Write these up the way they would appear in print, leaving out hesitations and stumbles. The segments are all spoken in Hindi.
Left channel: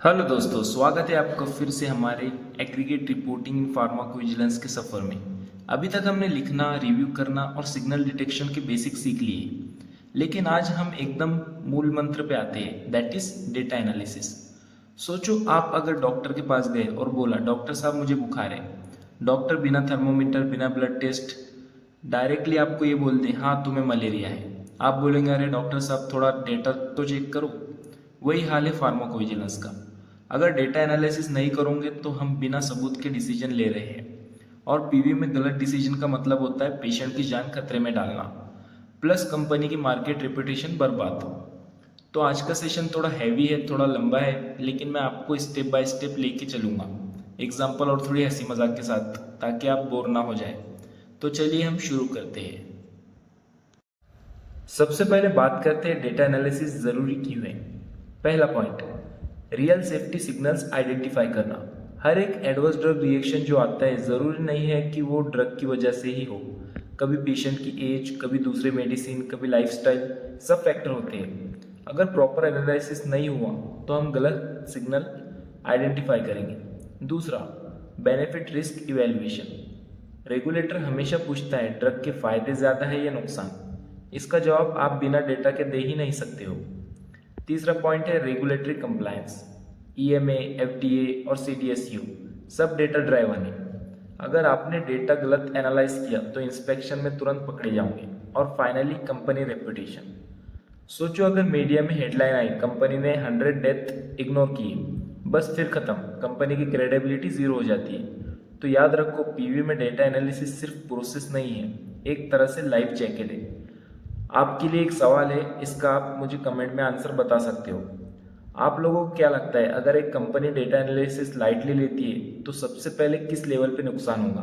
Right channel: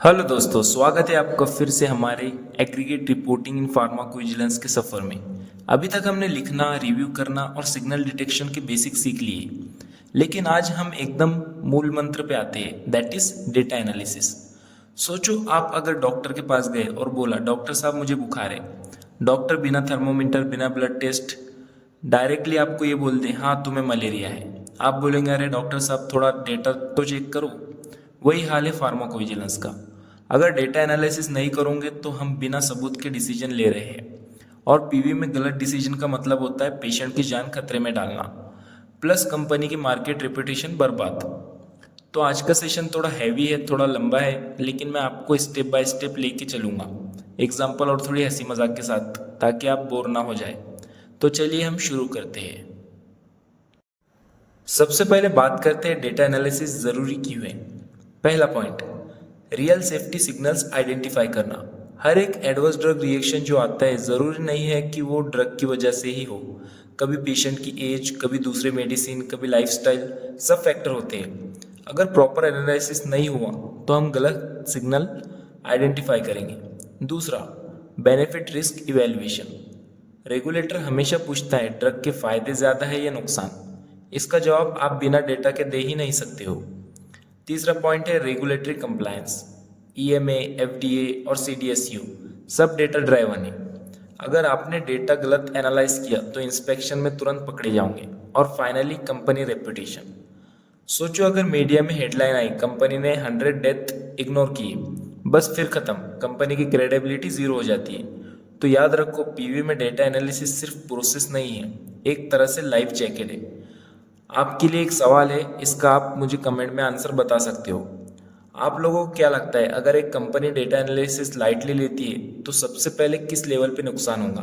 हेलो दोस्तों, स्वागत है आपका फिर से हमारे एग्रीगेट रिपोर्टिंग इन फार्माकोविजिलेंस के सफ़र में। अभी तक हमने लिखना, रिव्यू करना और सिग्नल डिटेक्शन के बेसिक सीख लिए, लेकिन आज हम एकदम मूल मंत्र पे आते हैं, दैट इज डेटा एनालिसिस। सोचो, आप अगर डॉक्टर के पास गए और बोला, डॉक्टर साहब मुझे बुखार है। डॉक्टर बिना थर्मोमीटर, बिना ब्लड टेस्ट डायरेक्टली आपको ये बोल दें, हाँ तुम्हें मलेरिया है। आप बोलेंगे, अरे डॉक्टर साहब थोड़ा डेटा तो चेक करो। वही हाल है फार्माकोविजिलेंस का। अगर डेटा एनालिसिस नहीं करोगे तो हम बिना सबूत के डिसीजन ले रहे हैं, और पीवी में गलत डिसीजन का मतलब होता है पेशेंट की जान खतरे में डालना, प्लस कंपनी की मार्केट रेपुटेशन बर्बाद। तो आज का सेशन थोड़ा हैवी है, थोड़ा लंबा है, लेकिन मैं आपको स्टेप बाय स्टेप लेके चलूँगा, एग्जाम्पल और थोड़ी हंसी मजाक के साथ, ताकि आप बोर ना हो जाए। तो चलिए हम शुरू करते हैं। सबसे पहले बात करते हैं डेटा एनालिसिस ज़रूरी क्यों है। पहला point, real safety signals identify करना। हर एक एडवर्स ड्रग रिएक्शन जो आता है, ज़रूरी नहीं है कि वो ड्रग की वजह से ही हो। कभी पेशेंट की एज, कभी दूसरे मेडिसिन, कभी लाइफस्टाइल, सब फैक्टर होते हैं। अगर प्रॉपर एनालिसिस नहीं हुआ तो हम गलत सिग्नल आइडेंटिफाई करेंगे। दूसरा, बेनिफिट रिस्क इवैल्यूएशन। रेगुलेटर हमेशा पूछता है, ड्रग के फायदे ज़्यादा है या नुकसान। इसका जवाब आप बिना डेटा के दे ही नहीं सकते हो। तीसरा पॉइंट है रेगुलेटरी कंप्लायंस। ईएमए, एफडीए और सीडीएसयू सब डेटा ड्राइवन है। अगर आपने डेटा गलत एनालाइज किया तो इंस्पेक्शन में तुरंत पकड़े जाओगे। और फाइनली, कंपनी रेपुटेशन। सोचो, अगर मीडिया में हेडलाइन आई, कंपनी ने 100 डेथ इग्नोर की, बस फिर खत्म, कंपनी की क्रेडिबिलिटी जीरो हो जाती है। तो याद रखो, पीवी में डेटा एनालिसिस सिर्फ प्रोसेस नहीं है, एक तरह से लाइफ जैकेट है। आपके लिए एक सवाल है, इसका आप मुझे कमेंट में आंसर बता सकते हो। आप लोगों को क्या लगता है, अगर एक कंपनी डेटा एनालिसिस लाइटली लेती है तो सबसे पहले किस लेवल पे नुकसान होगा?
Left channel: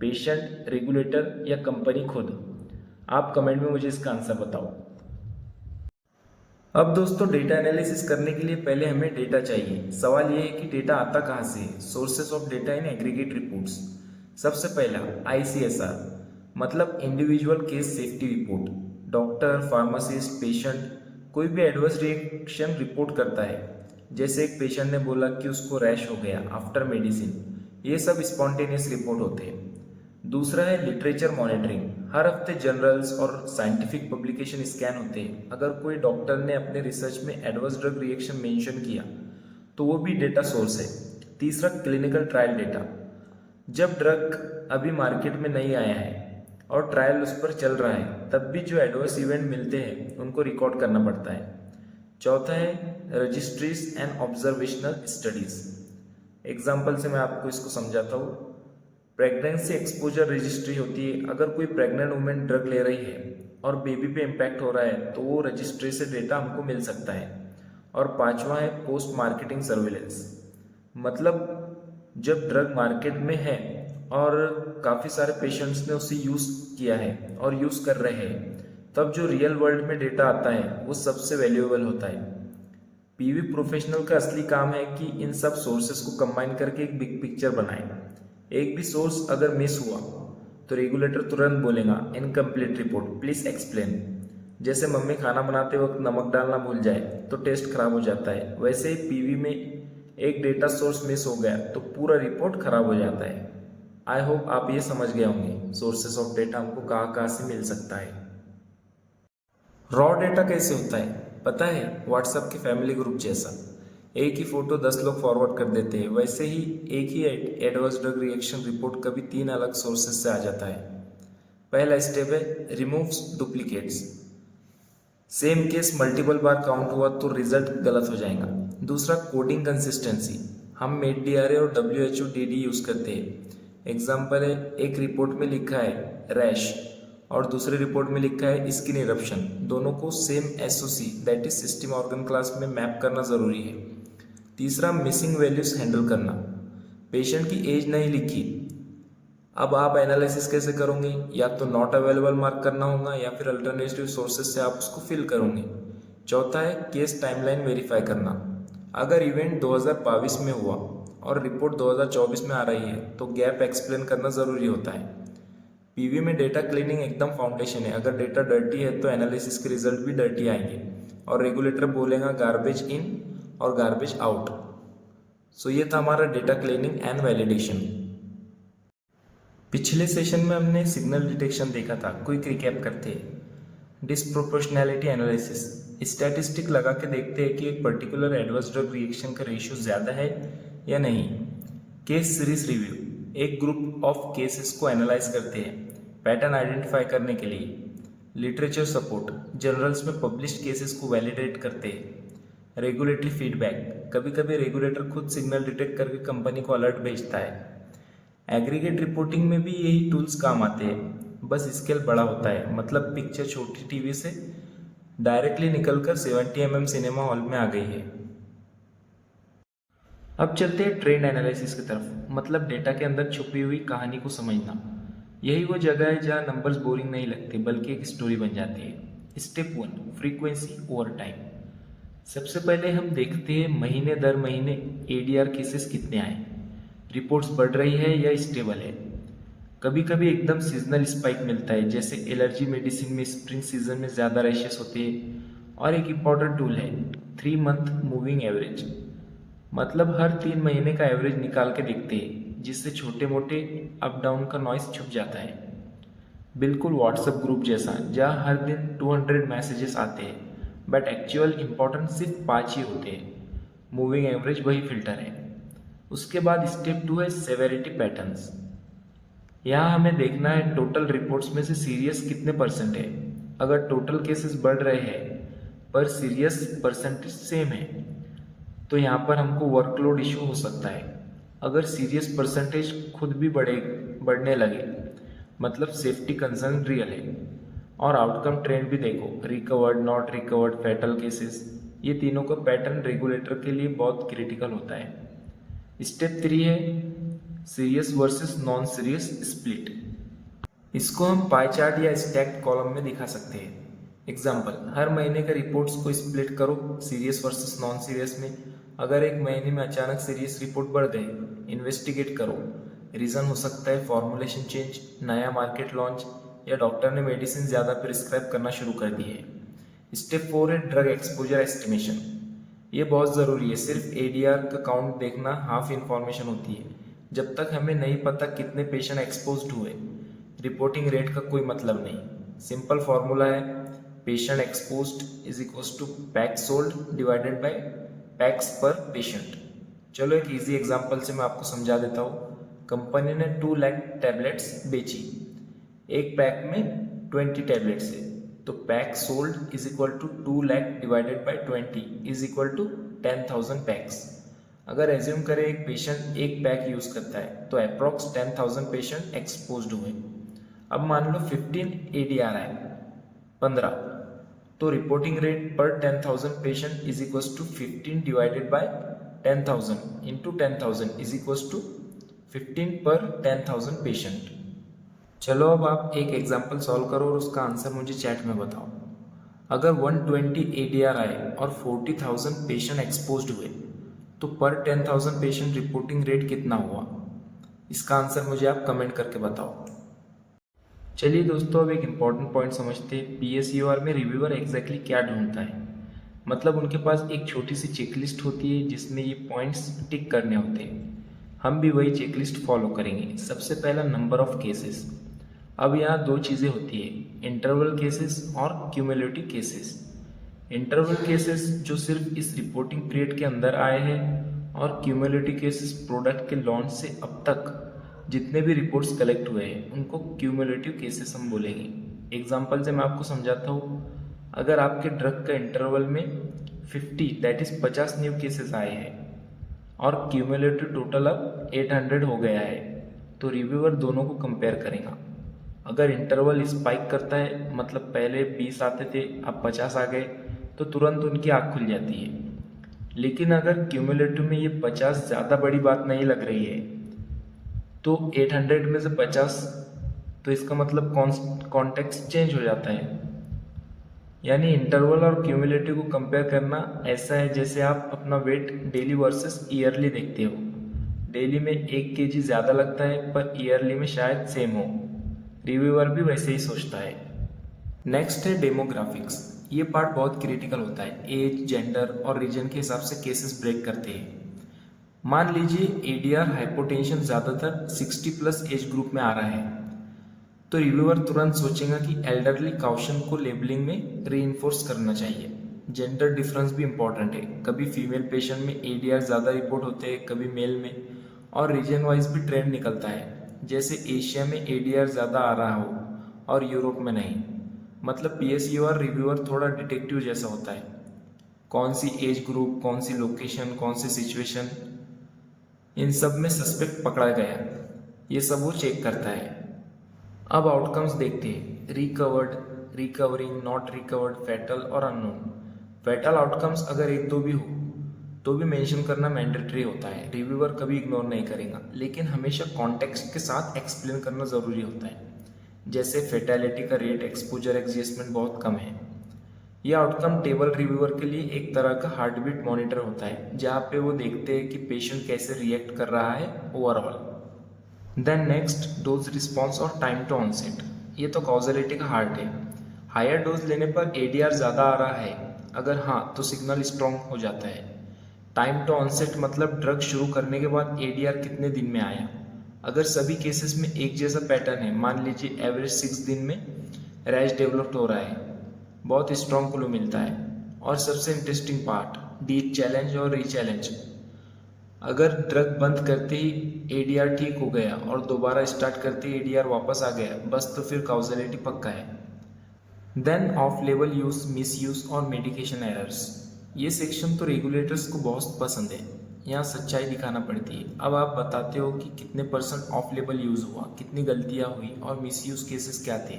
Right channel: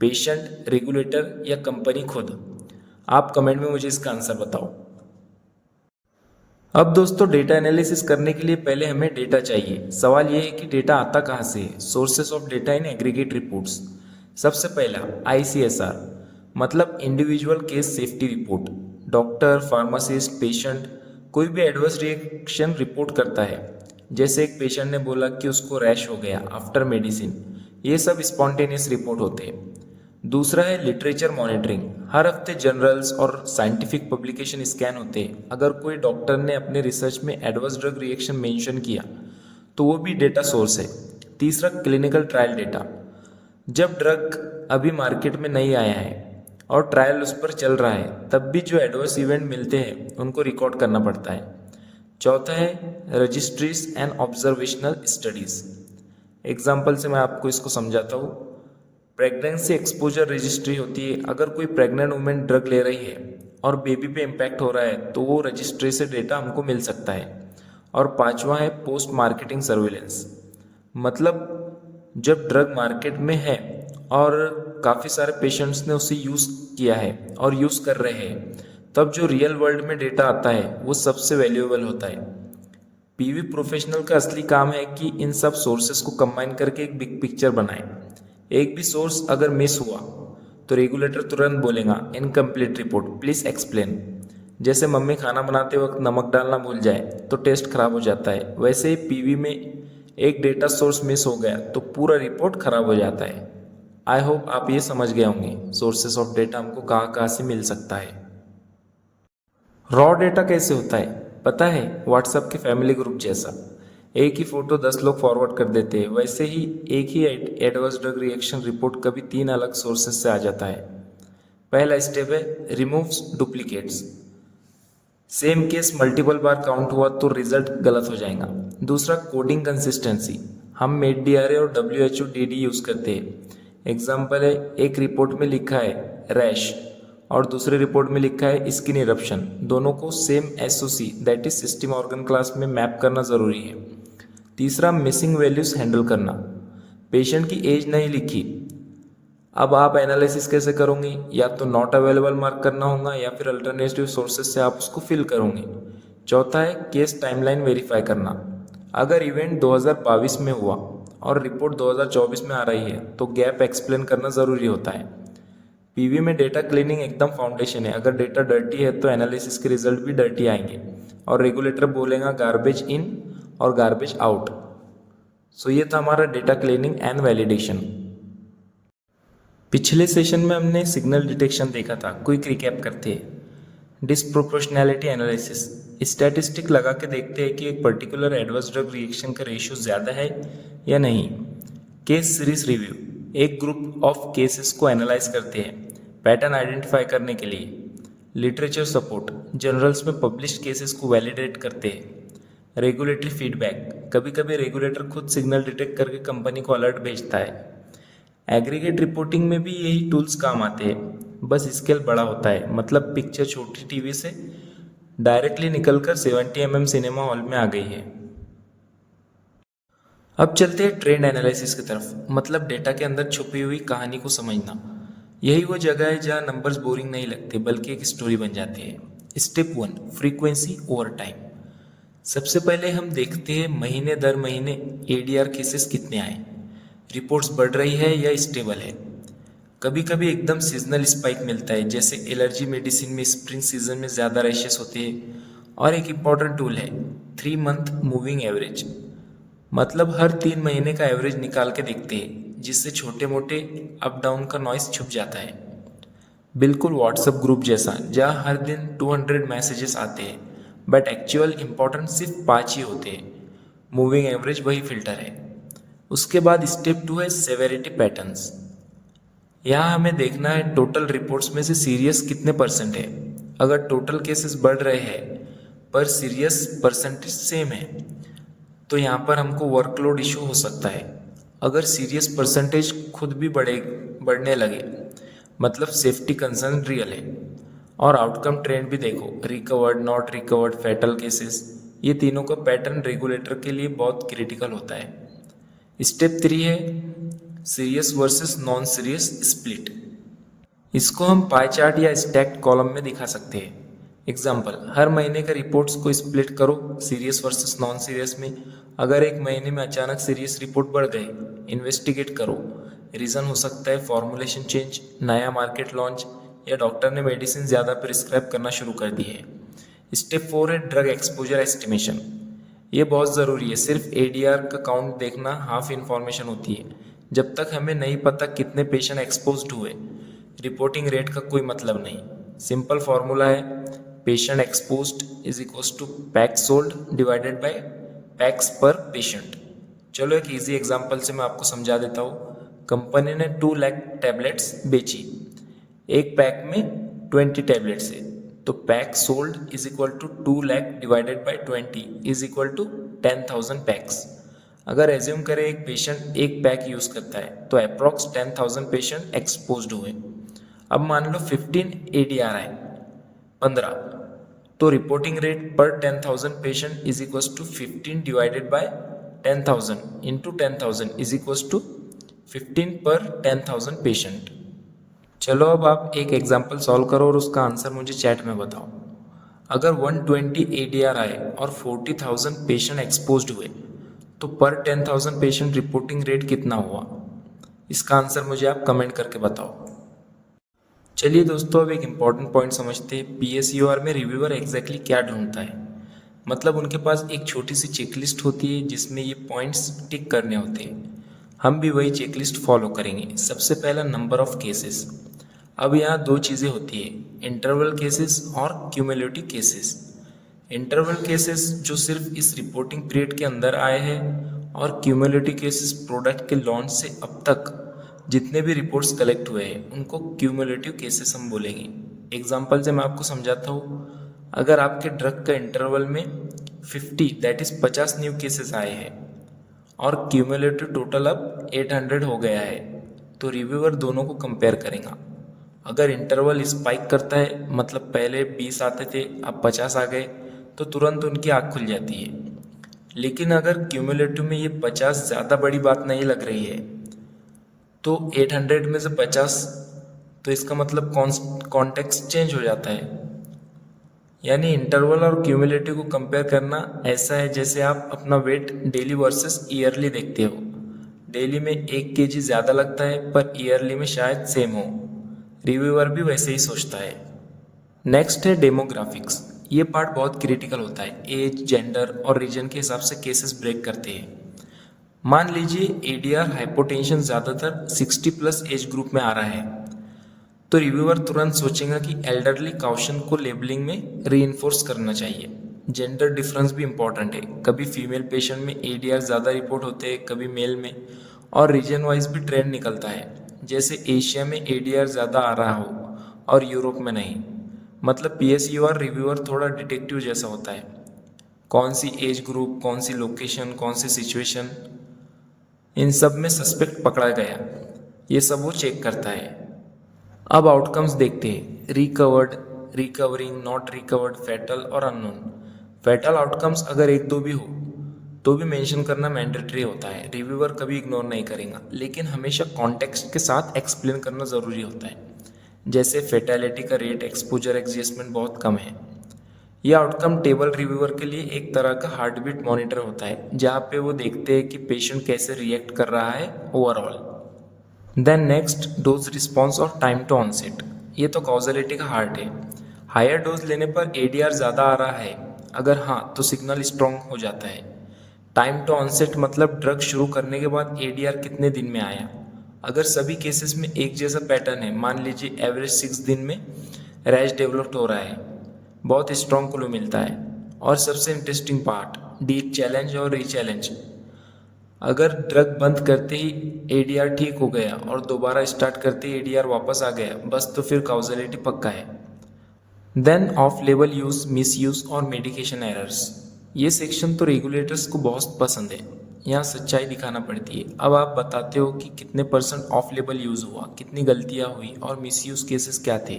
पेशेंट, रेगुलेटर या कंपनी खुद? आप कमेंट में मुझे इसका आंसर बताओ। अब दोस्तों, डेटा एनालिसिस करने के लिए पहले हमें डेटा चाहिए। सवाल यह है कि डेटा आता कहाँ से है? Sources of data in aggregate reports. सबसे पहला आईसीएसआर, मतलब individual case safety report. Doctor, pharmacist, patient कोई भी एडवर्स रिएक्शन रिपोर्ट करता है। जैसे एक पेशेंट ने बोला कि उसको रैश हो गया आफ्टर मेडिसिन, ये सब स्पॉन्टेनियस रिपोर्ट होते हैं। दूसरा है लिटरेचर मॉनिटरिंग। हर हफ्ते जर्नल्स और साइंटिफिक पब्लिकेशन स्कैन होते हैं। अगर कोई डॉक्टर ने अपने रिसर्च में एडवर्स ड्रग रिएक्शन मेंशन किया तो वो भी डेटा सोर्स है। तीसरा, क्लिनिकल ट्रायल डेटा। जब ड्रग अभी मार्केट में नहीं आया है और ट्रायल उस पर चल रहा है, तब भी जो एडवर्स इवेंट मिलते हैं उनको रिकॉर्ड करना पड़ता है। चौथा है registries and observational studies. Example से मैं आपको इसको समझाता हूँ। प्रेगनेंसी एक्सपोजर रजिस्ट्री होती है। अगर कोई प्रेग्नेंट वुमेन ड्रग ले रही है और बेबी पे इम्पैक्ट हो रहा है तो वो रजिस्ट्री से डेटा हमको मिल सकता है। और पांचवा है पोस्ट मार्केटिंग सर्विलेंस, मतलब जब ड्रग मार्केट में है और काफ़ी सारे पेशेंट्स ने उसे यूज़ किया है और यूज़ कर रहे हैं, तब जो रियल वर्ल्ड में डेटा आता है वो सबसे वैल्यूएबल होता है। पीवी प्रोफेशनल का असली काम है कि इन सब सोर्सेस को कंबाइन करके एक बिग पिक्चर बनाए। एक भी सोर्स अगर मिस हुआ तो रेगुलेटर तुरंत बोलेगा, इनकम्प्लीट रिपोर्ट, प्लीज एक्सप्लेन। जैसे मम्मी खाना बनाते वक्त नमक डालना भूल जाए तो टेस्ट खराब हो जाता है, वैसे ही पीवी में एक डेटा सोर्स मिस हो गया तो पूरा रिपोर्ट खराब हो जाता है। आई होप आप ये समझ गए होंगे सोर्सेस ऑफ डेटा हमको कहाँ कहाँ से मिल सकता है। रॉ डेटा कैसे होता है पता है? व्हाट्सएप के फैमिली ग्रुप जैसा। एक ही फोटो 10 लोग फॉरवर्ड कर देते हैं, वैसे ही एक ही एडवर्स ड्रग रिएक्शन रिपोर्ट कभी 3 अलग सोर्सेस से आ जाता है। पहला स्टेप है removes duplicates. Same case multiple बार काउंट हुआ तो रिजल्ट गलत हो जाएगा। दूसरा, कोडिंग कंसिस्टेंसी। हम मेड-डीआरए और WHO-DD यूज़ करते हैं। एग्जाम्पल है, एक रिपोर्ट में लिखा है रैश और दूसरे रिपोर्ट में लिखा है स्किन इरप्शन। दोनों को same SOC that is system organ class में मैप करना ज़रूरी है। तीसरा, मिसिंग वैल्यूज हैंडल करना। पेशेंट की एज नहीं लिखी, अब आप एनालिसिस कैसे करोगे? या तो नॉट अवेलेबल मार्क करना होगा या फिर अल्टरनेटिव सोर्सेज से आप उसको फिल करोगे। चौथा है केस टाइमलाइन वेरीफाई करना। अगर इवेंट 2022 में हुआ और रिपोर्ट 2024 में आ रही है तो गैप एक्सप्लेन करना ज़रूरी होता है। पीवी में डेटा क्लीनिंग एकदम फाउंडेशन है। अगर डेटा डर्टी है तो एनालिसिस के रिजल्ट भी डर्टी आएंगे और रेगुलेटर बोलेगा गार्बेज इन और गार्बेज आउट। सो ये था हमारा डेटा क्लीनिंग एंड वैलिडेशन। पिछले सेशन में हमने सिग्नल डिटेक्शन देखा था, क्विक रिकैप करते हैं। डिस्प्रोपोर्शनैलिटी एनालिसिस, स्टैटिस्टिक लगा के देखते हैं कि एक पर्टिकुलर एडवर्स ड्रग रिएक्शन का रेशियो ज़्यादा है या नहीं। केस सीरीज रिव्यू, एक ग्रुप ऑफ केसेस को एनालाइज करते हैं पैटर्न आइडेंटिफाई करने के लिए। लिटरेचर सपोर्ट, जर्नल्स में पब्लिश्ड केसेस को वैलिडेट करते हैं। रेगुलेटरी फीडबैक, कभी कभी रेगुलेटर खुद सिग्नल डिटेक्ट करके कंपनी को अलर्ट भेजता है। एग्रीगेट रिपोर्टिंग में भी यही टूल्स काम आते हैं, बस स्केल बड़ा होता है, मतलब पिक्चर छोटी टीवी से डायरेक्टली निकलकर 70 mm सिनेमा हॉल में आ गई है। अब चलते हैं ट्रेंड एनालिसिस की तरफ, मतलब डेटा के अंदर छुपी हुई कहानी को समझना। यही वो जगह है जहाँ नंबर्स बोरिंग नहीं लगते बल्कि एक स्टोरी बन जाती है। Step 1, frequency over time. सबसे पहले हम देखते हैं महीने दर महीने ADR केसेस कितने आए, रिपोर्ट्स बढ़ रही है या स्टेबल है। कभी कभी एकदम सीजनल स्पाइक मिलता है, जैसे एलर्जी मेडिसिन में स्प्रिंग सीजन में ज़्यादा रैशेस होते हैं। और एक इम्पॉर्टेंट टूल है 3 मंथ मूविंग एवरेज, मतलब हर 3 महीने का एवरेज निकाल के देखते हैं, जिससे छोटे मोटे अप डाउन का नॉइस छुप जाता है। बिल्कुल व्हाट्सएप ग्रुप जैसा, जहाँ हर दिन 200 मैसेजेस आते हैं बट एक्चुअल इंपॉर्टेंट सिर्फ 5 ही होते हैं। मूविंग एवरेज वही फिल्टर है। उसके बाद स्टेप 2 है सेवेरिटी पैटर्न्स। यहाँ हमें देखना है टोटल रिपोर्ट्स में से सीरियस कितने % है। अगर टोटल केसेस बढ़ रहे हैं पर सीरियस परसेंटेज सेम है तो यहाँ पर हमको वर्कलोड इशू हो सकता है। अगर सीरियस परसेंटेज खुद भी बढ़ने लगे मतलब सेफ्टी कंसर्न रियल है। और आउटकम ट्रेंड भी देखो, recovered, not recovered, fatal cases, ये तीनों का पैटर्न रेगुलेटर के लिए बहुत क्रिटिकल होता है। स्टेप 3 है serious versus non serious split. इसको हम पाई चार्ट या स्टैक्ड कॉलम में दिखा सकते हैं। एग्जाम्पल, हर महीने का रिपोर्ट्स को स्प्लिट करो सीरियस वर्सेस नॉन सीरियस में। अगर एक महीने में अचानक सीरियस रिपोर्ट बढ़ गए, इन्वेस्टिगेट करो। रीज़न हो सकता है फॉर्मुलेशन चेंज, नया मार्केट लॉन्च, या डॉक्टर ने मेडिसिन ज़्यादा प्रिस्क्राइब करना शुरू कर दी है। स्टेप 4 है ड्रग एक्सपोजर एस्टिमेशन। ये बहुत ज़रूरी है, सिर्फ ADR का काउंट देखना हाफ इन्फॉर्मेशन होती है। जब तक हमें नहीं पता कितने पेशेंट एक्सपोज्ड हुए, रिपोर्टिंग रेट का कोई मतलब नहीं। सिंपल फार्मूला है patient exposed is equals to packs sold divided by packs per patient. चलो एक इजी एग्जांपल से मैं आपको समझा देता हूँ। कंपनी ने 2 लाख टैबलेट्स बेची, एक पैक में 20 टैबलेट्स है, तो pack sold is equal to 2 lakh divided by 20 is equal to 10,000 packs. अगर एज्यूम करें एक पेशेंट एक पैक यूज़ करता है तो अप्रॉक्स 10,000 पेशेंट एक्सपोज्ड हुए। अब मान लो 15 ADR आए 15, तो reporting rate per 10,000 patient is equals to 15 divided by 10,000 into 10,000 is equals to 15 per 10,000 patient. चलो अब आप एक एग्जाम्पल सॉल्व करो और उसका आंसर मुझे चैट में बताओ। अगर 120 ADR आए और 40,000 पेशेंट एक्सपोज्ड हुए तो पर 10,000 पेशेंट रिपोर्टिंग रेट कितना हुआ? इसका आंसर मुझे आप कमेंट करके बताओ। चलिए दोस्तों, अब एक इम्पॉर्टेंट पॉइंट समझते हैं। PSUR में रिव्यूअर एग्जैक्टली क्या ढूंढता है। मतलब उनके पास एक छोटी सी चेकलिस्ट होती है जिसमें ये पॉइंट्स टिक करने होते हैं। हम भी वही चेकलिस्ट फॉलो करेंगे। सबसे पहला नंबर ऑफ केसेस। अब यहाँ 2 चीज़ें होती है, इंटरवल केसेस और क्यूमुलेटिव केसेस। इंटरवल केसेस जो सिर्फ इस रिपोर्टिंग पीरियड के अंदर आए हैं, और क्यूमुलेटिव केसेस प्रोडक्ट के लॉन्च से अब तक जितने भी रिपोर्ट्स कलेक्ट हुए हैं उनको क्यूमुलेटिव केसेस हम बोलेंगे। एग्जांपल से मैं आपको समझाता हूँ। अगर आपके ड्रग का इंटरवल में 50 दैट इज 50 न्यू केसेस आए हैं और क्यूमुलेटिव टोटल अब 800 हो गया है, तो रिव्यूअर दोनों को कंपेयर करेगा। अगर इंटरवल स्पाइक करता है, मतलब पहले 20 आते थे अब 50 आ गए, तो तुरंत उनकी आँख खुल जाती है। लेकिन अगर क्यूमुलेटिव में ये 50 ज़्यादा बड़ी बात नहीं लग रही है तो 800 में से 50, तो इसका मतलब कॉन्टेक्स्ट चेंज हो जाता है। यानी इंटरवल और क्यूमुलेटिव को कंपेयर करना ऐसा है जैसे आप अपना वेट डेली वर्सेस ईयरली देखते हो। डेली में 1 kg ज़्यादा लगता है पर ईयरली में शायद सेम हो। रिव्यूअर भी वैसे ही सोचता है। नेक्स्ट है डेमोग्राफिक्स। ये पार्ट बहुत क्रिटिकल होता है। एज, जेंडर और रीजन के हिसाब से केसेस ब्रेक करते हैं। मान लीजिए एडीआर हाइपोटेंशन ज़्यादातर 60 प्लस एज ग्रुप में आ रहा है, तो रिव्यूअर तुरंत सोचेगा कि एल्डरली काउशन को लेबलिंग में रीइंफोर्स करना चाहिए। जेंडर डिफरेंस भी इम्पॉर्टेंट है, कभी फीमेल पेशेंट में एडीआर ज़्यादा रिपोर्ट होते हैं, कभी मेल में, और रीजन वाइज भी ट्रेंड निकलता है, जैसे एशिया में एडीआर ज़्यादा आ रहा हो और यूरोप में नहीं। मतलब पीएसयूआर रिव्यूअर थोड़ा डिटेक्टिव जैसा होता है, कौन सी एज ग्रुप, कौन सी लोकेशन, कौन सी सिचुएशन, इन सब में सस्पेक्ट पकड़ा गया, ये सब वो चेक करता है। अब आउटकम्स देखते हैं, recovered, recovering, not recovered, fatal और अननोन। फैटल आउटकम्स अगर एक दो भी हो तो भी मेंशन करना मैंडेटरी होता है, रिव्यूअर कभी इग्नोर नहीं करेगा, लेकिन हमेशा कॉन्टेक्स्ट के साथ एक्सप्लेन करना ज़रूरी होता है। जैसे फेटेलिटी का रेट, एक्सपोजर एडजस्टमेंट बहुत कम है। यह आउटकम टेबल रिव्यूअर के लिए एक तरह का हार्ट बीट मॉनिटर होता है, जहाँ पे वो देखते हैं कि पेशेंट कैसे रिएक्ट कर रहा है overall. Then next, dose response और टाइम टू ऑनसेट। ये तो कॉजलिटी का हार्ट है। हायर डोज लेने पर एडीआर ज़्यादा आ रहा है, अगर हाँ तो सिग्नल स्ट्रॉन्ग हो जाता है। टाइम टू ऑनसेट मतलब ड्रग शुरू करने के बाद एडीआर कितने दिन में आया। अगर सभी केसेस में एक जैसा पैटर्न है, मान लीजिए एवरेज 6 दिन में रैश डेवलप हो रहा है, बहुत स्ट्रॉन्ग क्लू मिलता है। और सबसे इंटरेस्टिंग पार्ट, डी चैलेंज और रीचैलेंज। अगर ड्रग बंद करते ही एडीआर ठीक हो गया और दोबारा स्टार्ट करते ही एडीआर वापस आ गया, बस तो फिर कॉजलिटी पक्का है। Then off label use, misuse और मेडिकेशन एरर्स। ये सेक्शन तो रेगुलेटर्स को बहुत पसंद है, यहाँ सच्चाई दिखाना पड़ती है। अब आप बताते हो कि कितने % ऑफ लेबल यूज़ हुआ, कितनी गलतियाँ हुई और मिस यूज केसेस क्या थे।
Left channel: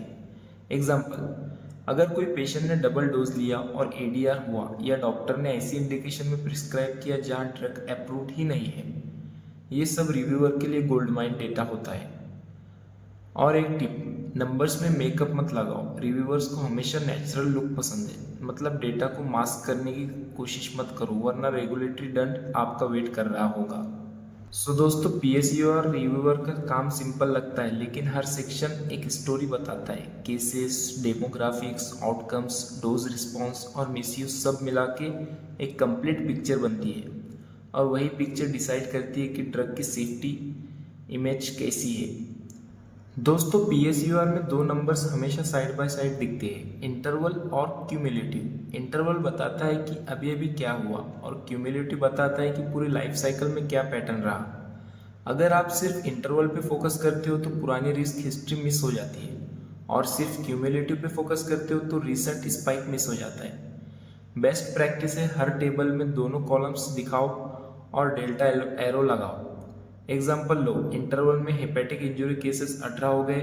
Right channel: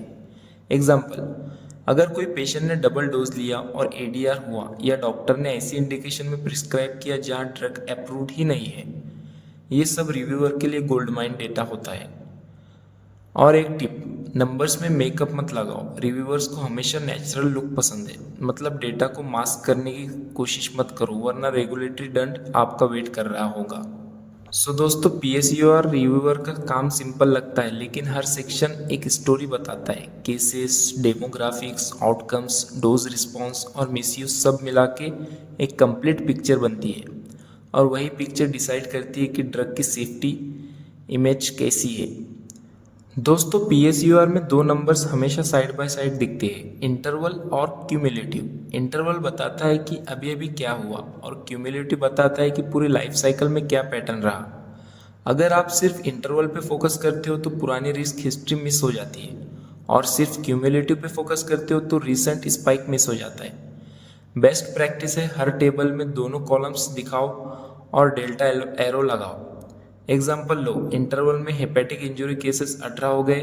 एग्जाम्पल, अगर कोई पेशेंट ने डबल डोज लिया और एडीआर हुआ, या डॉक्टर ने ऐसी इंडिकेशन में प्रिस्क्राइब किया जहाँ ड्रग अप्रूव्ड ही नहीं है, ये सब रिव्यूअर के लिए गोल्ड माइन डेटा होता है। और एक टिप, नंबर्स में मेकअप मत लगाओ, रिव्यूअर्स को हमेशा नेचुरल लुक पसंद है। मतलब डेटा को मास्क करने की कोशिश मत करो, वरना रेगुलेटरी दंड आपका वेट कर रहा होगा। सो दोस्तों, पीएसयू और रिव्यूअर का काम सिंपल लगता है, लेकिन हर सेक्शन एक स्टोरी बताता है। Cases, demographics, outcomes, dose response और मिसयूज सब मिला के एक कंप्लीट पिक्चर बनती है, और वही पिक्चर डिसाइड करती है कि ड्रग की सेफ्टी इमेज कैसी है। दोस्तों, पीएसयूआर में दो नंबर्स हमेशा साइड बाय साइड दिखते हैं, इंटरवल और क्यूमुलेटिव। इंटरवल बताता है कि अभी अभी क्या हुआ, और क्यूमुलेटिव बताता है कि पूरी लाइफ साइकिल में क्या पैटर्न रहा। अगर आप सिर्फ इंटरवल पे फोकस करते हो तो पुरानी रिस्क हिस्ट्री मिस हो जाती है, और सिर्फ क्यूमुलेटिव पे फोकस करते हो तो रिसेंट स्पाइक मिस हो जाता है। बेस्ट प्रैक्टिस है हर टेबल में दोनों कॉलम्स दिखाओ और डेल्टा एरो लगाओ। एग्जाम्पल लो, इंटरवल में हेपेटिक इंजरी केसेस 18 हो गए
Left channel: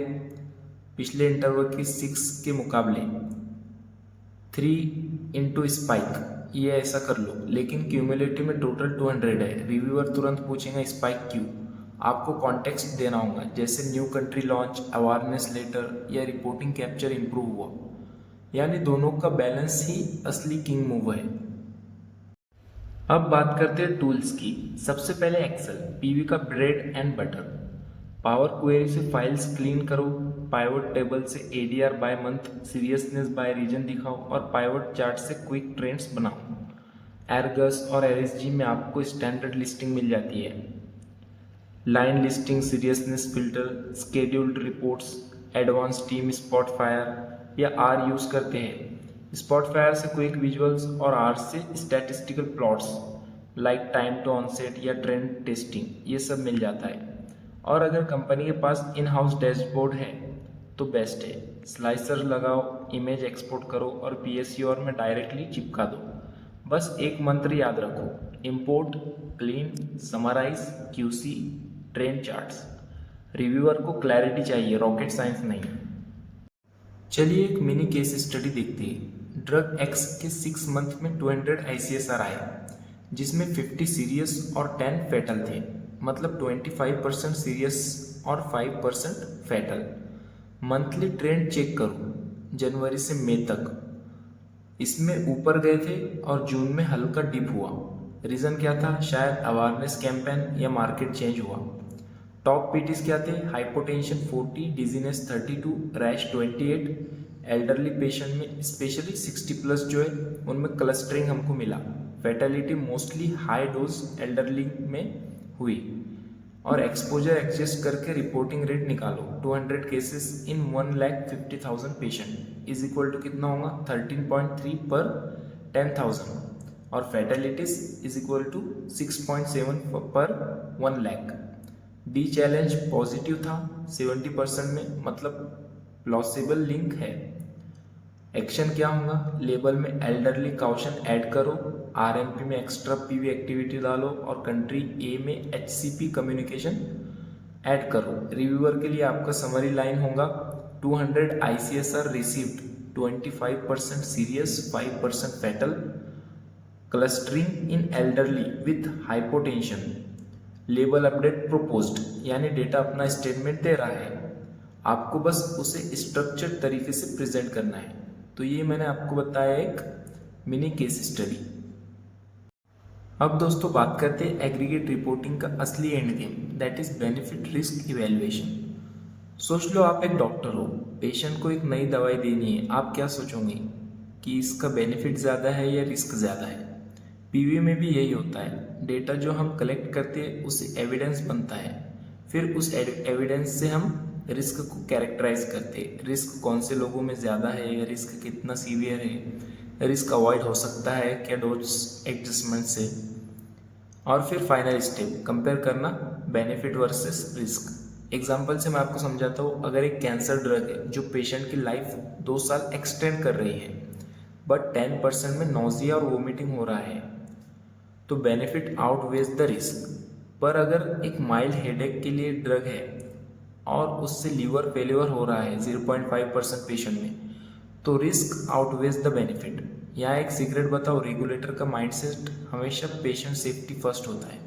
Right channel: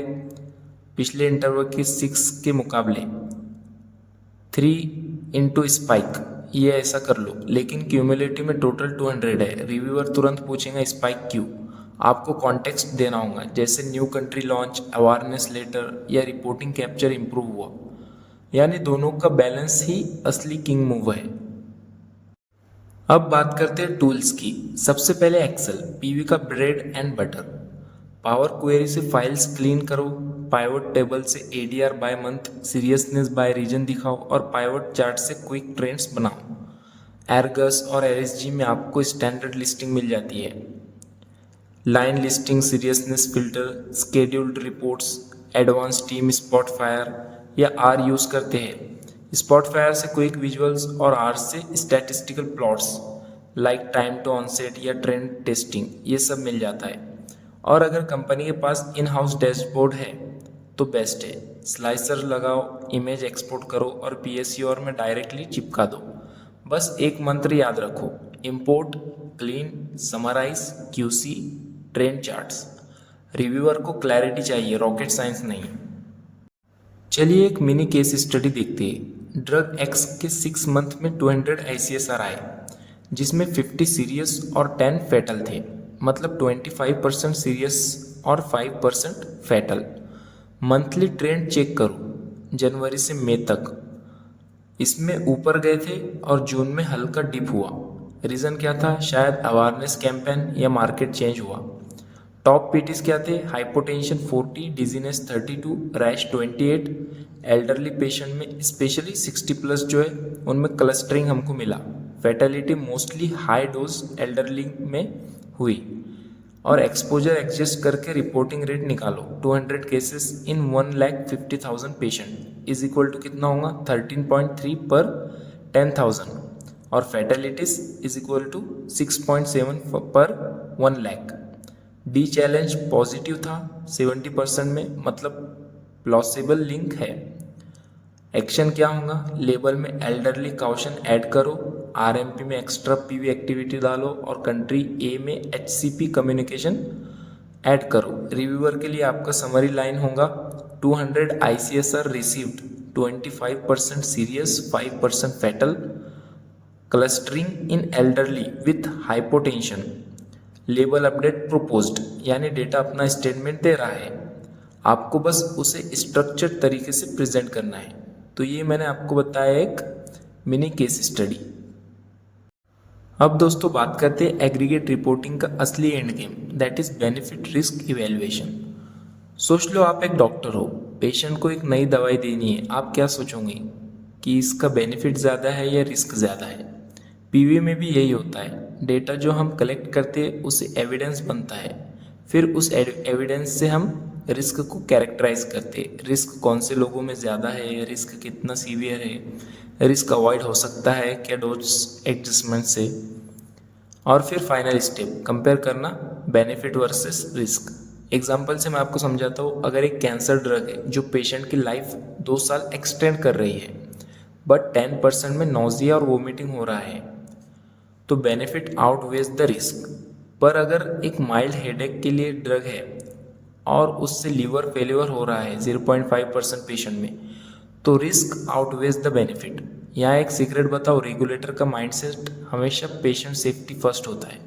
पिछले इंटरवल के 6 के मुकाबले, 3 इंटू स्पाइक, ये ऐसा कर लो। लेकिन क्यूमुलेटिव में टोटल 200 है, रिव्यूअर तुरंत पूछेगा स्पाइक क्यों। आपको कॉन्टेक्स्ट देना होगा, जैसे new country launch, awareness letter या रिपोर्टिंग कैप्चर इंप्रूव हुआ। यानी दोनों का बैलेंस ही असली किंग मूव है। अब बात करते हैं टूल्स की। सबसे पहले एक्सेल, पीवी का bread and butter. Power query से फाइल्स क्लीन करो, पाइवट टेबल से ADR by month, seriousness by region दिखाओ, और पाइवट चार्ट से क्विक ट्रेंड्स बनाओ। एरगस और एरएसजी में आपको स्टैंडर्ड लिस्टिंग मिल जाती है। Line listing, seriousness filter, scheduled reports, advance team Spotfire या आर यूज करते हैं। स्पॉटफायर से क्विक विजुअल्स और आर से statistical plots like time to onset या ट्रेंड टेस्टिंग, ये सब मिल जाता है। और अगर कंपनी के पास इन हाउस डैशबोर्ड है तो बेस्ट है। स्लाइसर लगाओ, इमेज एक्सपोर्ट करो और पीएसयूआर में डायरेक्टली चिपका दो। बस एक मंत्र याद रखो, import, clean, summarise, QC, trend charts. Reviewer को क्लैरिटी चाहिए, रॉकेट साइंस नहीं। चलिए एक मिनी केस स्टडी देखते हैं। ड्रग एक्स के 6 मंथ में 200 ICSR आए, जिसमें 50 सीरियस और 10 फैटल थे। मतलब 25% सीरियस और 5% फैटल। मंथली ट्रेंड चेक करो, जनवरी से मई तक इसमें ऊपर गए थे और जून में हल्का डिप हुआ। रीज़न क्या था? शायद अवेयरनेस कैंपेन या मार्केट चेंज हुआ। टॉप पीटीज क्या थे? Hypotension 40, dizziness 32, rash 28। Elderly patient में स्पेशली 60 प्लस जो है उनमें क्लस्टरिंग हमको मिला। Fatality mostly high dose elderly में हुई और एक्सपोजर एडजस्ट करके रिपोर्टिंग रेट निकालो 200 cases in 1,50,000 patient is equal to कितना होगा 13.3 पर 10,000 और फैटेलिटीज इज इक्वल टू 6.7 पर 1 लाख। डी चैलेंज पॉजिटिव था 70% में, मतलब प्लॉसिबल लिंक है। एक्शन क्या होगा, लेबल में एल्डरली काउशन ऐड करो, आरएमपी में एक्स्ट्रा पीवी एक्टिविटी डालो और कंट्री ए में एचसीपी कम्युनिकेशन ऐड करो। रिव्यूअर के लिए आपका समरी लाइन होगा 200 ICSR received, 25% serious, 5% fatal, clustering in elderly with hypotension. Label update proposed, यानी डेटा अपना स्टेटमेंट दे रहा है, आपको बस उसे स्ट्रक्चर्ड तरीके से प्रेजेंट करना है। तो ये मैंने आपको बताया एक मिनी केस स्टडी। अब दोस्तों बात करते हैं एग्रीगेट रिपोर्टिंग का असली end game, that is benefit risk evaluation. सोच लो आप एक डॉक्टर हो, पेशेंट को एक नई दवाई देनी है, आप क्या सोचोगे कि इसका बेनिफिट ज़्यादा है या रिस्क ज़्यादा है। पीवी में भी यही होता है, डेटा जो हम कलेक्ट करते हैं उससे एविडेंस बनता है, फिर उस एविडेंस से हम रिस्क को कैरेक्टराइज करते हैं। रिस्क कौन से लोगों में ज़्यादा है, रिस्क कितना सीवियर है, रिस्क अवॉइड हो सकता है क्या डोज एडजस्टमेंट से, और फिर फाइनल स्टेप कंपेयर करना बेनिफिट वर्सेस रिस्क। एग्जाम्पल से मैं आपको समझाता हूँ, अगर एक कैंसर ड्रग है जो पेशेंट की लाइफ 2 साल एक्सटेंड कर रही है बट 10% में नोजिया और वोमिटिंग हो रहा है, तो बेनिफिट आउटवेज द रिस्क। पर अगर एक माइल्ड हेडेक के लिए ड्रग है और उससे लीवर फेलियर हो रहा है 0.5% पेशेंट में, तो रिस्क आउटवेज द बेनिफिट। यहाँ एक सीक्रेट बताओ, रेगुलेटर का माइंडसेट हमेशा पेशेंट सेफ्टी फर्स्ट होता है।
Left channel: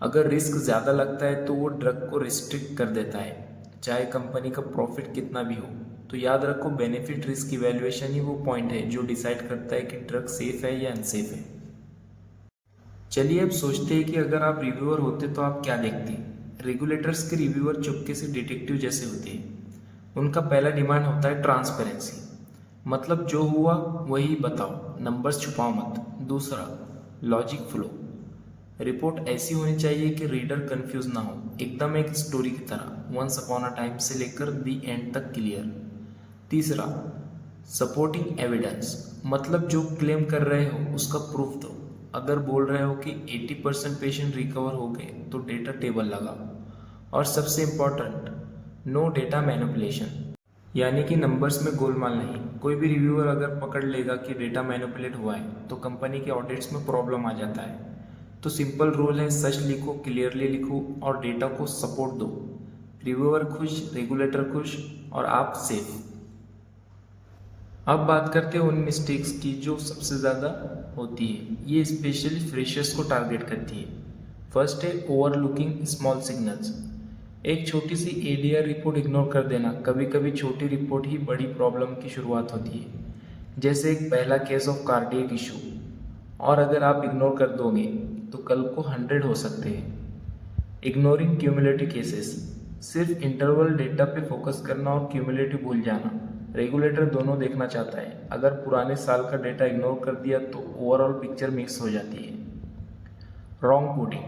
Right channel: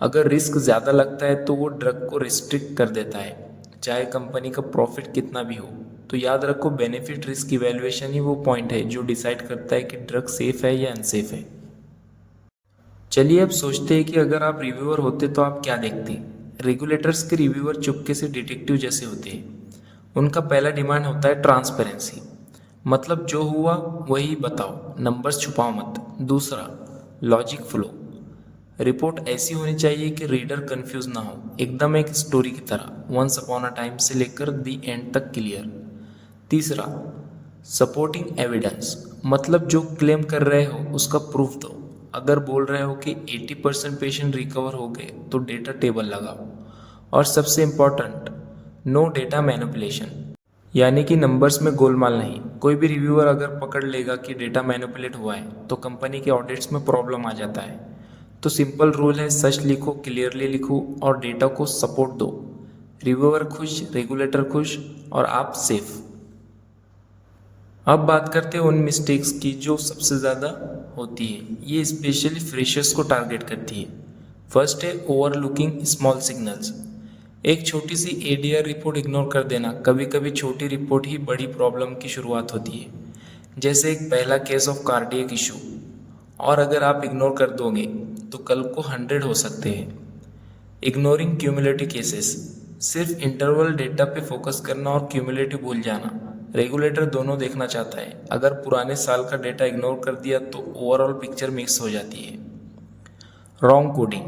अगर रिस्क ज़्यादा लगता है तो वो ड्रग को रिस्ट्रिक्ट कर देता है, चाहे कंपनी का प्रॉफिट कितना भी हो। तो याद रखो, बेनिफिट रिस्क इवैल्यूएशन ही वो पॉइंट है जो डिसाइड करता है कि ड्रग सेफ है या अनसेफ है। चलिए अब सोचते हैं कि अगर आप रिव्यूअर होते तो आप क्या देखते। रेगुलेटर्स के रिव्यूअर चुपके से डिटेक्टिव जैसे होते हैं। उनका पहला डिमांड होता है ट्रांसपेरेंसी, मतलब जो हुआ वही बताओ, नंबर्स छुपाओ मत। दूसरा, लॉजिक फ्लो, रिपोर्ट ऐसी होनी चाहिए कि रीडर कंफ्यूज ना हो, एकदम एक स्टोरी की तरह, वंस अपॉन अ टाइम से लेकर दी एंड तक क्लियर। तीसरा, सपोर्टिंग एविडेंस, मतलब जो क्लेम कर रहे हो उसका प्रूफ दो। अगर बोल रहे हो कि 80% पेशेंट रिकवर हो गए तो डेटा टेबल लगाओ। और सबसे इम्पॉर्टेंट, नो डेटा मैनिपुलेशन, यानी कि नंबर्स में गोलमाल नहीं। कोई भी रिव्यूअर अगर पकड़ लेगा कि डेटा मैनिपुलेट हुआ है तो कंपनी के ऑडिट्स में प्रॉब्लम आ जाता है। तो सिंपल रूल है, सच लिखो, क्लियरली लिखो और डेटा को सपोर्ट दो। रिव्यूअर खुश, रेगुलेटर खुश और आप सेफ। अब बात करते हैं उन मिस्टेक्स की जो सबसे ज़्यादा होती है। ये स्पेशली फ्रेशर्स को टारगेट करती है। फर्स्ट है ओवरलुकिंग स्मॉल सिग्नल्स, एक छोटी सी एडीआर रिपोर्ट इग्नोर कर देना। कभी कभी छोटी रिपोर्ट ही बड़ी प्रॉब्लम की शुरुआत होती है, जैसे एक पहला केस ऑफ कार्डियक इशू, और अगर आप इग्नोर कर दोगे तो कल को 100 हो सकते हैं। इग्नोरिंग क्यूमुलेटिव केसेस, सिर्फ इंटरवल डेटा पे फोकस करना और क्यूमुलेटिव भूल जाना। रेगुलेटर दोनों देखना चाहता है, अगर पुराने साल का डेटा इग्नोर कर दिया तो ओवरऑल पिक्चर मिक्स हो जाती है। Wrong coding,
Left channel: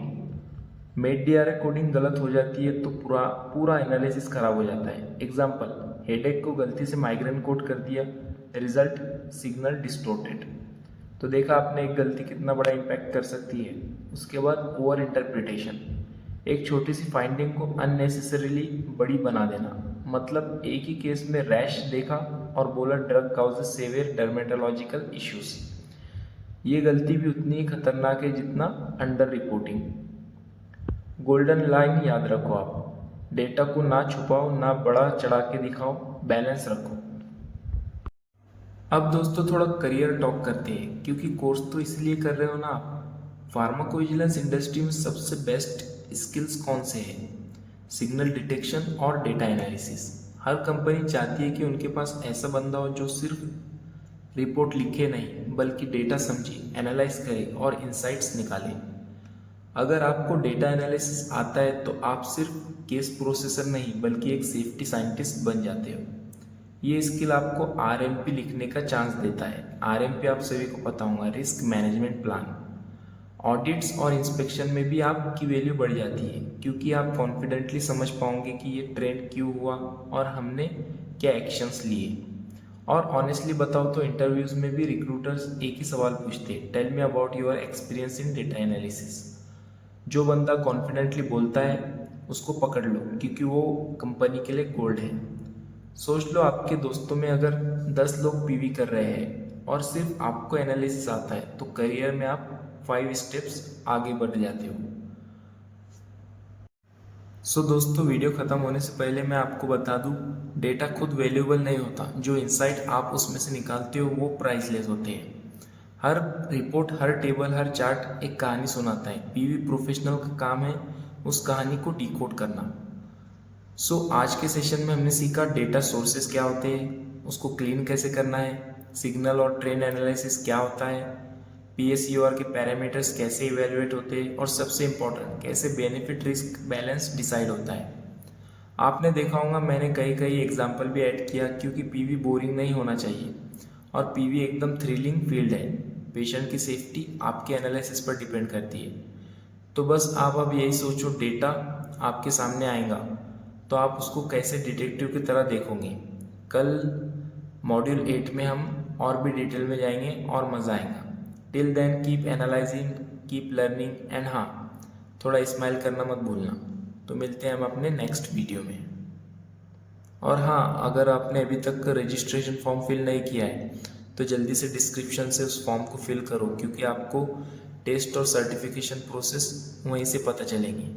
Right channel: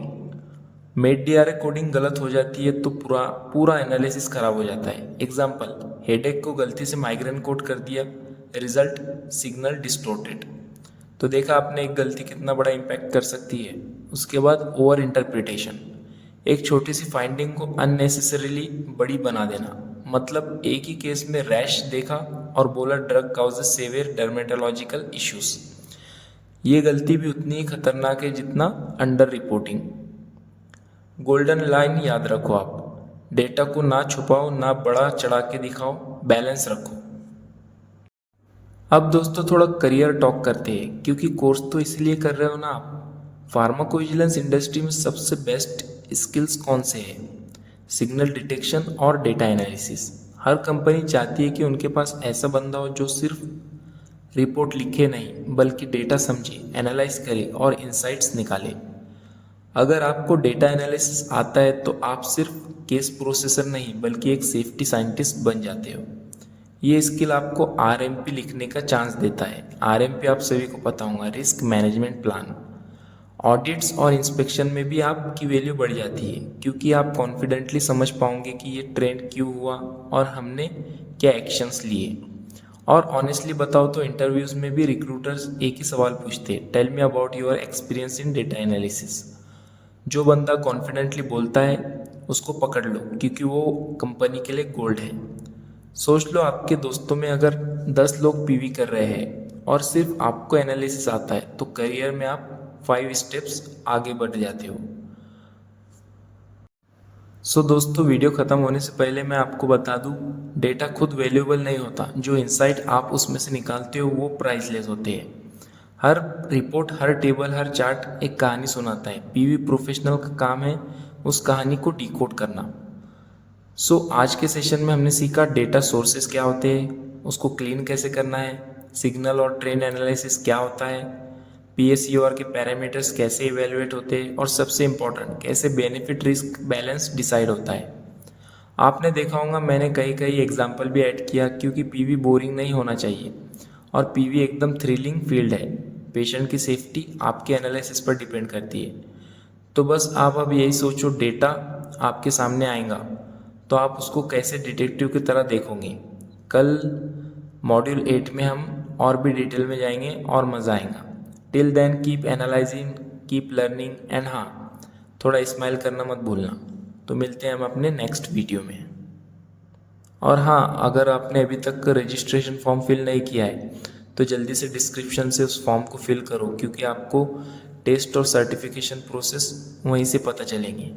made DRA coding गलत हो जाती है तो पूरा एनालिसिस खराब हो जाता है। एग्जाम्पल, हेडेक को गलती से माइग्रेन कोड कर दिया, रिजल्ट सिग्नल डिस्टोर्टेड। तो देखा आपने, एक गलती कितना बड़ा इम्पैक्ट कर सकती है। उसके बाद ओवर इंटरप्रिटेशन, एक छोटी सी फाइंडिंग को अननेसेसरीली बड़ी बना देना। मतलब एक ही केस में रैश देखा और बोला drug causes severe dermatological issues. ये गलती भी उतनी ही खतरनाक है जितना अंडर रिपोर्टिंग। गोल्डन लाइन याद रखो आप, डेटा को ना छुपाओ ना बड़ा चढ़ा के दिखाओ, बैलेंस रखो। अब दोस्तों थोड़ा करियर टॉक करते हैं, क्योंकि कोर्स तो इसलिए कर रहे हो ना आप। फार्माकोविजिलेंस इंडस्ट्री में सबसे बेस्ट स्किल्स कौन से हैं? सिग्नल डिटेक्शन और डेटा एनालिसिस। हर कंपनी चाहती है कि उनके पास ऐसा बंदा हो जो सिर्फ रिपोर्ट लिखे नहीं बल्कि डेटा समझे, एनालाइज करे और इंसाइट्स निकाले। अगर आपको डेटा एनालिसिस आता है तो आप सिर्फ केस प्रोसेसर नहीं बल्कि एक सेफ्टी साइंटिस्ट बन जाते हो। ये स्किल आपको RMP लिखने का चांस देता है। RMP आप सभी को पता होगा, रिस्क मैनेजमेंट प्लान। ऑडिट्स और इंस्पेक्शन में भी आपकी वैल्यू बढ़ जाती है, क्योंकि आप कॉन्फिडेंटली समझ पाओगे कि ये ट्रेंड क्यों हुआ और हमने क्या एक्शंस लिए। और ऑनेस्टली बताओ तो इंटरव्यूज़ में भी रिक्रूटर्स एक ही सवाल पूछते हैं, tell me about your experience in data analysis. जो बंदा कॉन्फिडेंटली बोलता है उसको पकड़ लो, क्योंकि वो कंपनी के लिए गोल्ड है। सोच लो, आपके दोस्तों में अगर 10 लोग PV कर रहे हैं और सिर्फ आपको एनालिसिस आता है, तो करियर में आप 5 स्टेप्स आगे बढ़ जाते हो। सो दोस्तों, वीडियो ख़त्म होने से पहले मैं आपको बता दूं, डेटा खुद वैल्यूएबल नहीं होता, जो इंसाइट आप उसमें से निकालते हो वो प्राइसलेस होते हैं। हर रिपोर्ट, हर टेबल, हर चार्ट एक कहानी सुनाता है। PV प्रोफेशनल का काम है उस कहानी को डिकोड करना। आज के सेशन में हमने सीखा डेटा सोर्सेस क्या होते हैं, उसको क्लीन कैसे करना है, सिग्नल और ट्रेंड एनालिसिस क्या होता है, PSER के पैरामीटर्स कैसे इवेलुएट होते हैं, और सबसे इम्पोर्टेंट, कैसे बेनिफिट रिस्क बैलेंस डिसाइड होता है। आपने देखा होगा मैंने कई कई एग्जाम्पल भी ऐड किया, क्योंकि PV बोरिंग नहीं होना चाहिए और PV एकदम थ्रिलिंग फील्ड है। पेशेंट की सेफ्टी आपके एनालिसिस पर डिपेंड करती है। तो बस आप अब यही सोचो, डेटा आपके सामने आएगा तो आप उसको कैसे डिटेक्टिव की तरह देखोगे। कल मॉड्यूल 8 में हम और भी डिटेल में जाएंगे और मज़ा आएगा। Till then keep analysing, keep learning and हाँ, थोड़ा स्माइल करना मत भूलना। तो मिलते हैं हम अपने नेक्स्ट वीडियो में। और हाँ, अगर आपने अभी तक रजिस्ट्रेशन फॉर्म फिल नहीं किया है तो जल्दी से डिस्क्रिप्शन से उस फॉर्म को फिल करो, क्योंकि आपको टेस्ट और सर्टिफिकेशन प्रोसेस वहीं से पता चलेंगे।